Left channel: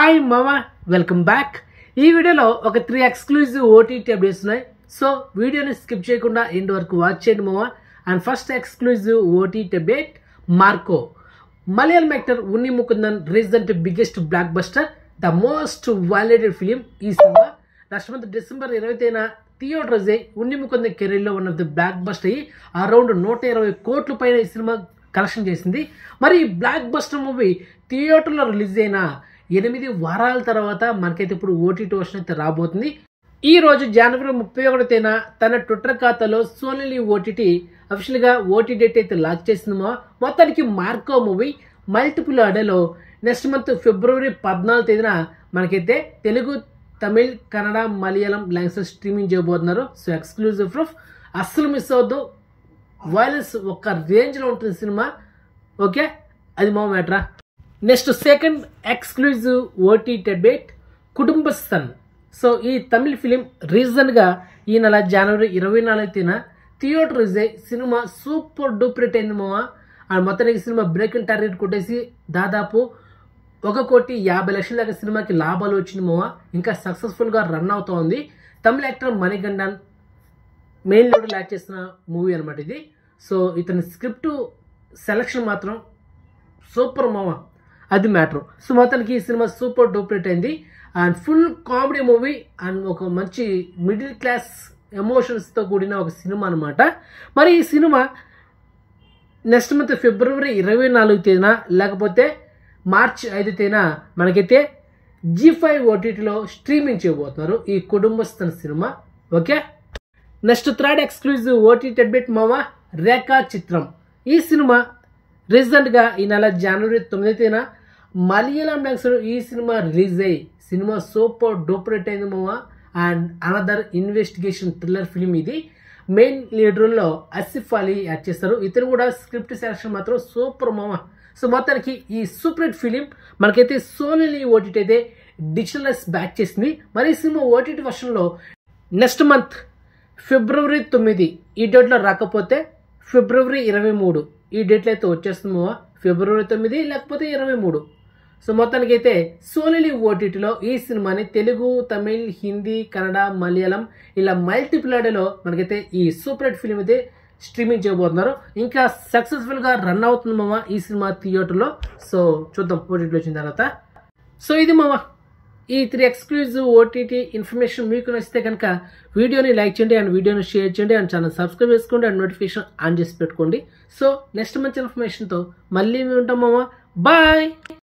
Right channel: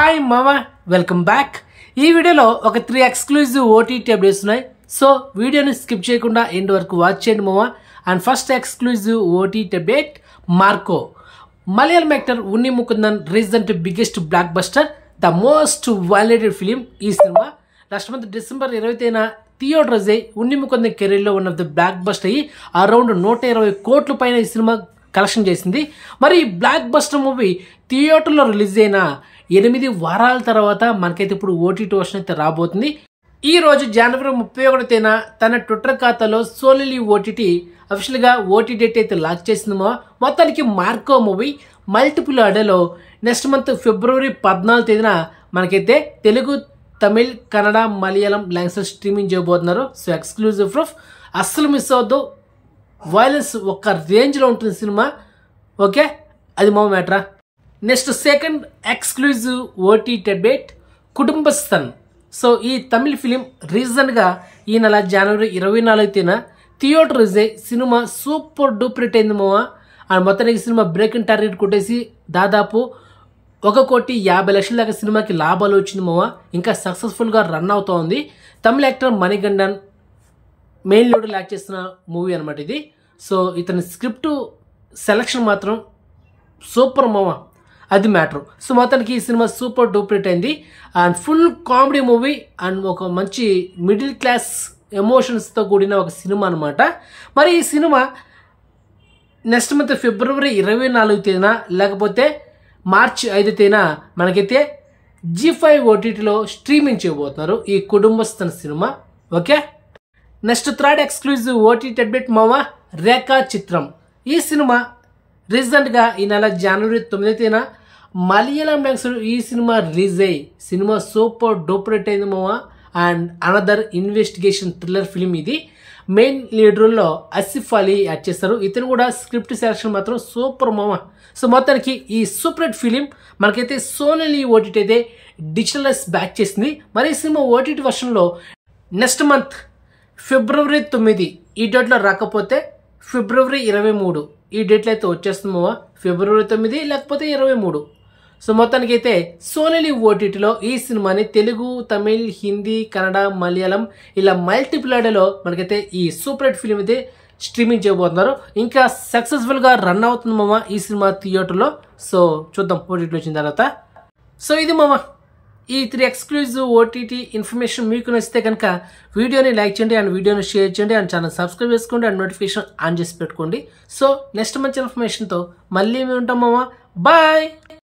Hi మామా, welcome back. ఈ వీడియోలో ఒక 3 ఎక్స్క్లూజివ్ ఓటీటీ అప్డేట్స్ ఉన్నాయి. సో వీడియోని స్కిప్ చేయకుండా ఎండ్ వరకు వాచ్ చేయండి మామా. And first exclusive OTT update, Marco. Malayalam actor Unni Mukundan recent biggest blockbuster, the most violated film ఈ సినిమా. లాస్ట్ మంత్ డిసెంబర్ 20న థియేటర్ రిలీజ్ అయ్యి ఉన్ని ముకుందన్ కెరీర్లో ఉన్న ది బ్లాక్ బస్టర్ అయ్యి అరౌండ్ 120 కోట్ల పైన ఈ సినిమా కలెక్షన్ చేసింది. మరి ఈ బ్లాక్ బస్టర్ మూవీ థియేటర్లో రిలీజ్ అయిన 8 వారాల తర్వాత మనకైతే ఇప్పుడు ఓటీటీ వర్షన్ అయితే రాబోతుంది. ఈ రోజు జనవరి 31న తన ట్విట్టర్ ఖాతాలో సోలీ ఓటీటీ అఫీషియల్గా ఓటీ డేట్ అయితే లాంచ్ చేసిందో. మొత్తానికి మార్కో మూవీ మల్టిపుల్ ఆర్డర్లో నెక్స్ట్ మంత్ ఫిబ్రవరి 14వ తేదీన మనకైతే తెలుగు, తమిళ్, కన్నడ, మలయాళం లాంగ్వేజ్ స్ట్రీమింగ్ చేయబోతున్నారు. సో ఎక్స్క్లూజివ్ ప్రూఫ్, అస్సలు మిస్ అవ్వద్దు. వైలెన్స్ ఒక రేంజ్లో ఉంటుంది సినిమా. ఓకే, అది మా మ్యాటరా. Next second exclusive OTT update, Kudumbasthan. So ఈ తమిళ్ ఫిలిం రీసెంట్గా ఈ నెల జనవరి 24వ తేదీన థియేటర్ రిలీజ్ అయ్యి సినిమా సూపర్ డూపర్ హిట్ అయింది మావా. అండ్ మొత్తానికి సినిమా బ్రేకింగ్ టార్గెట్ కొట్టేసి దాదాపు 1,50,00,000 దాకా సినిమాకి లాభాలు వచ్చింది మావా. ఇంకా సక్సెస్ఫుల్గా రన్ అవుతూ ఉంది. తమిళ actor Manikandan main lead act చేసిన మూవీ అనమాట ఇది. సో ఇతని స్క్రిప్ట్ సెలక్షన్ మాత్రం సూపర్ మావా, అది మ్యాటర్. సో మొత్తానికి ఈ సినిమా సూపర్ డూపర్ హిట్ అయింది. And full comedy movie and ఒక మంచి మిడిల్ క్లాస్ ఎమోషన్స్తో కూడిన ఒక సినిమా అనమాట. మరి ఈ సినిమా నెక్స్ట్ మంత్ ఫిబ్రవరి 24వ తేదీన లేకపోతే మార్చి 5వ తేదీన మనకైతే G5 ఓటీటీలో స్ట్రీమింగ్ చేయబోతున్నారు ఈ కుటుంబస్థన్ సినిమా. Okay, next third exclusive OTT update మావా, రేఖా చిత్రం. ఈ సినిమా రీసెంట్గా ఈ నెల జనవరి 9వ తేదీన మలయాళం లాంగ్వేజ్లో ఈ సినిమా రిలీజ్ అయ్యి సినిమా సూపర్ డూపర్ హిట్ అయింది మావా. And another investigation thriller film ఇది. మెయిన్ లీడర్లో ఆసిఫ్ అలీ యాక్ట్ చేస్తారు. ఇతను కూడా స్క్రిప్ట్ సెలక్షన్ మాత్రం సూపర్ మావా. సో మొత్తానికి ఈ సూపర్ హిట్ ఫిలిం మనకైతే సోనీ ఓటీటీ అయితే డిజిటలైజ్ బ్యాక్ చేసింది. మరి ఈ సినిమా ఓటీటీ వర్షన్లో నెక్స్ట్ మంత్ ఫిబ్రవరి 9 ఈ డేట్లో రాకపోతే ఫిబ్రవరి 23 ఈ డేట్లో అయితే వచ్చేస్తుంది మావా. ఫిబ్రవరి 9 లేకపోతే 23. సో మొత్తానికి అయితే సోనీ ఓటీటీలో ఈ సినిమాని తెలుగు, తమిళ్, హిందీ, కన్నడ, మలయాళం ఇలా మల్టిపుల్ ఆర్డర్లో మనకైతే ఈ సూపర్ హిట్ ఫిలిం అయితే స్ట్రీమింగ్ చేయబోతున్నారు. ఇంకా సక్సెస్ఫుల్గా రన్ అవుతుంది మామ ఈ సినిమా థియేటర్లో. సో చూద్దాం ఓటీటీలో వచ్చిన తర్వాత. సో ఇది మామ ఈ 3 ఎక్స్క్లూజివ్ ఓటీటీ ఇన్ఫర్మేషన్ మీకు నచ్చితే కనుక వీడియోని లైక్ చేయండి అండ్ వీడియోని షేర్ చేయండి అండ్ ఛానల్ సబ్స్క్రైబ్ చేసుకోండి అండ్ నోటిఫికేషన్ ఆన్ చేసి పెట్టుకోండి. సో నెక్స్ట్ మంచి ఇన్ఫర్మేషన్తో మళ్ళీ మేము ఉంటాం మామ. బాయ్.